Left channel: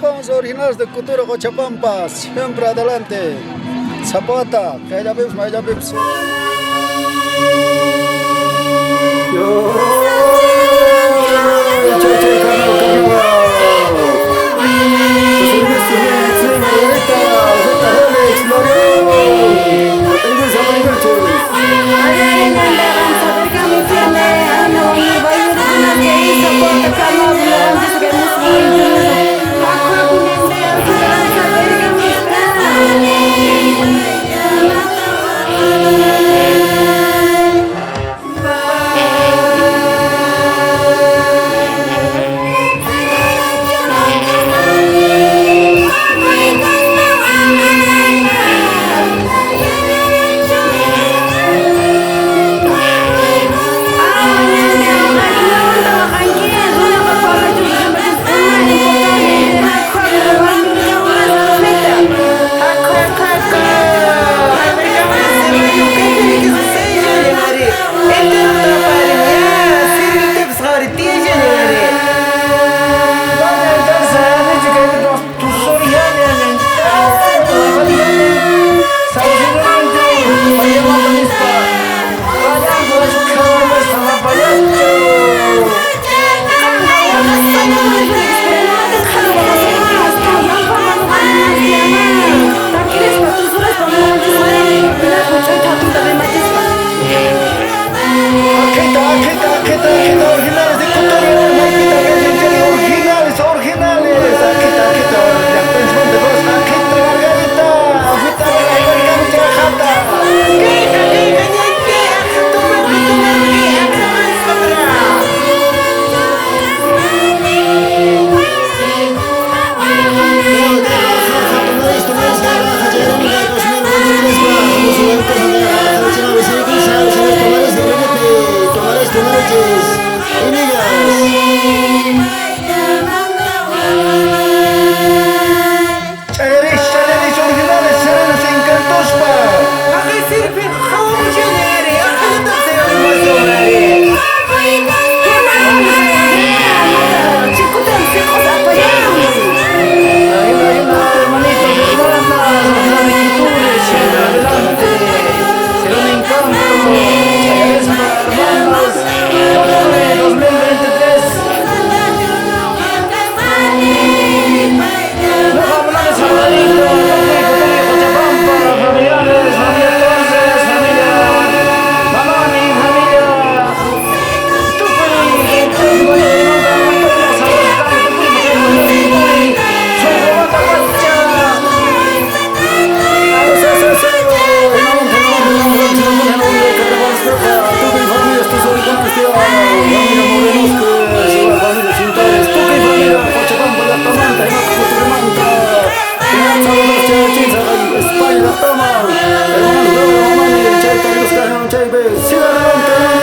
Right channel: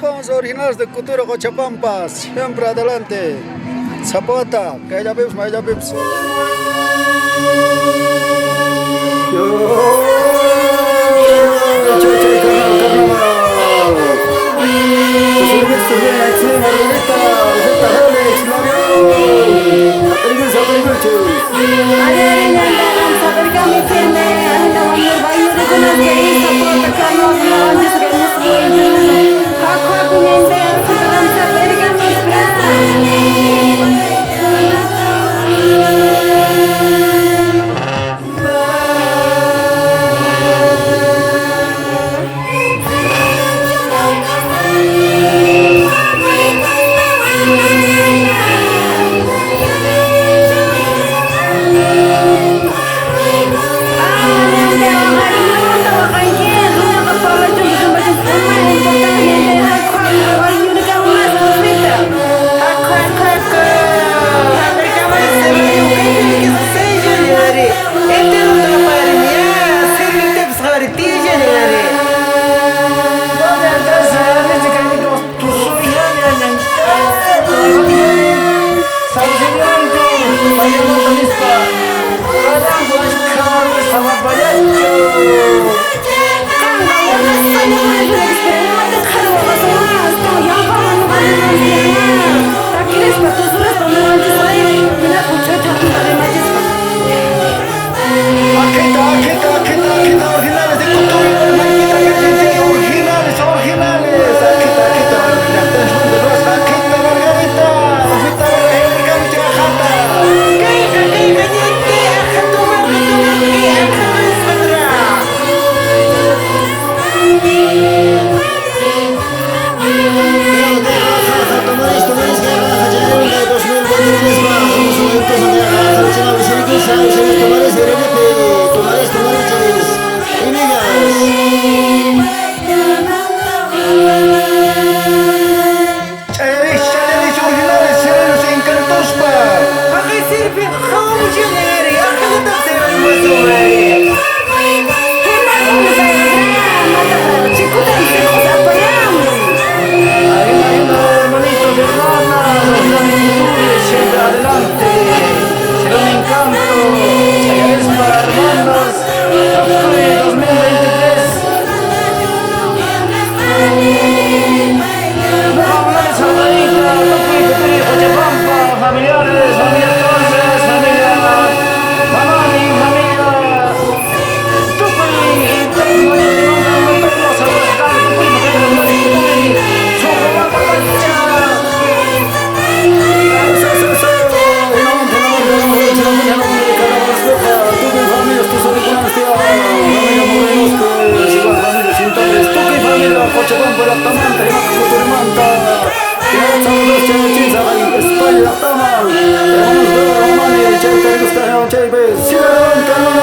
Somos originarios de Cultura Cochabamba, siempre adelante. Zapata, que ella vips, ella vips. Chay, chay, carnaval, carnaval. Servicios bien, excelente, Margarita, Alfeta, Rolex, L'Oreal. Apeliguel, apeliguel, chay. Ada nandakan sabar kami firme, ana wangir bayu rikunas gay sapota karno bulan di segai muslim jenis. Aku nende sekarang sabar kami Akita, originales de Cultura, Maikita, originales, originales. Akita, Lactancia de Rosa, Akita, Margarita, Alfita, Verga, Camucha, Jata. Chayaris originales, serenos e encantos pa. Akay sirpin kamu jeneri, akay tak sayari masumari. Hermanitos, hermanas, originales, siempre adelante. Será un encanto. Chayaris pa, hermanos, Toque 2023. Saludadita, Toque, Cultura Cochabamba, familiares, familia Torres, familia Mamani, familia Toque, Toque, saludos, Socomata Pacha. Toque y familia, estos originales, familia Morenos, que igual familia Chintares, Toque y familia Cochabamba, la Tamanta, y Macacultura Manta. Saludos, Chinza, España, Tama, hermanos, Romani, Chay, Tarigos, Chay, siga adelante, hermano.